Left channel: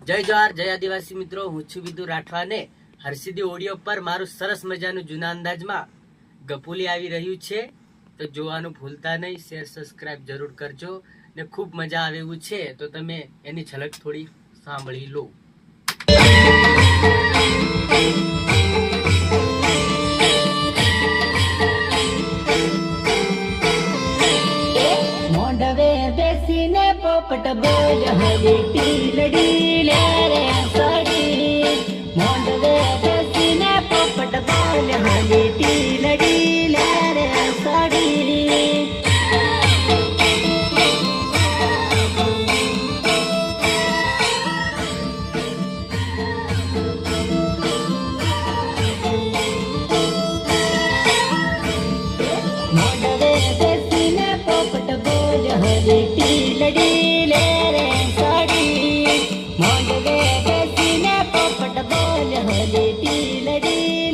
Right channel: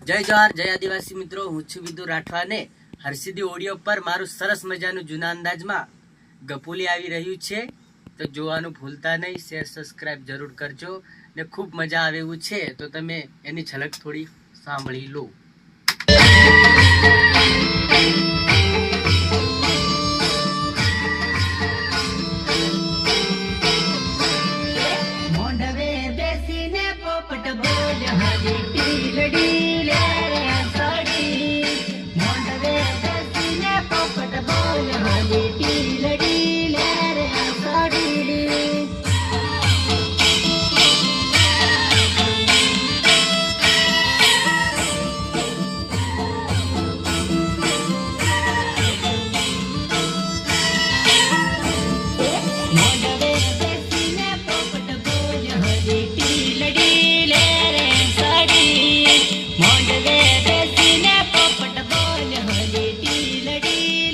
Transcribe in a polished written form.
જય જવાહર જય આદિવાસી મિત્રો, હું છું વિદુ રાઠવાને. હરસિદ્ધિ ઓડિયો પર મારું સરસ મજાનું જૂના અંદાજમાં ગપુલી આવી રહ્યું છે, તો જોવાનું ભૂલતા નહીં. શેર સબસ્ક્રાઇબ જરૂર કરજો ને ખૂબ મજા આવે એવું છે તો તમે એની ઝલક થોડી સાંભળી લો. મોઢવે બેસીને પોપટ બોલ હરી ટીલડી લે રે સડી. મોઢવે બેસીને પોપટ બોલ હરી ટીલડી લે રે સડી. મોઢવે બેસીને પોપટ બોલ હરી ટીલડી લે રે સડી. મોઢવે બેસીને પોપટ બોલ હરી ટીલડી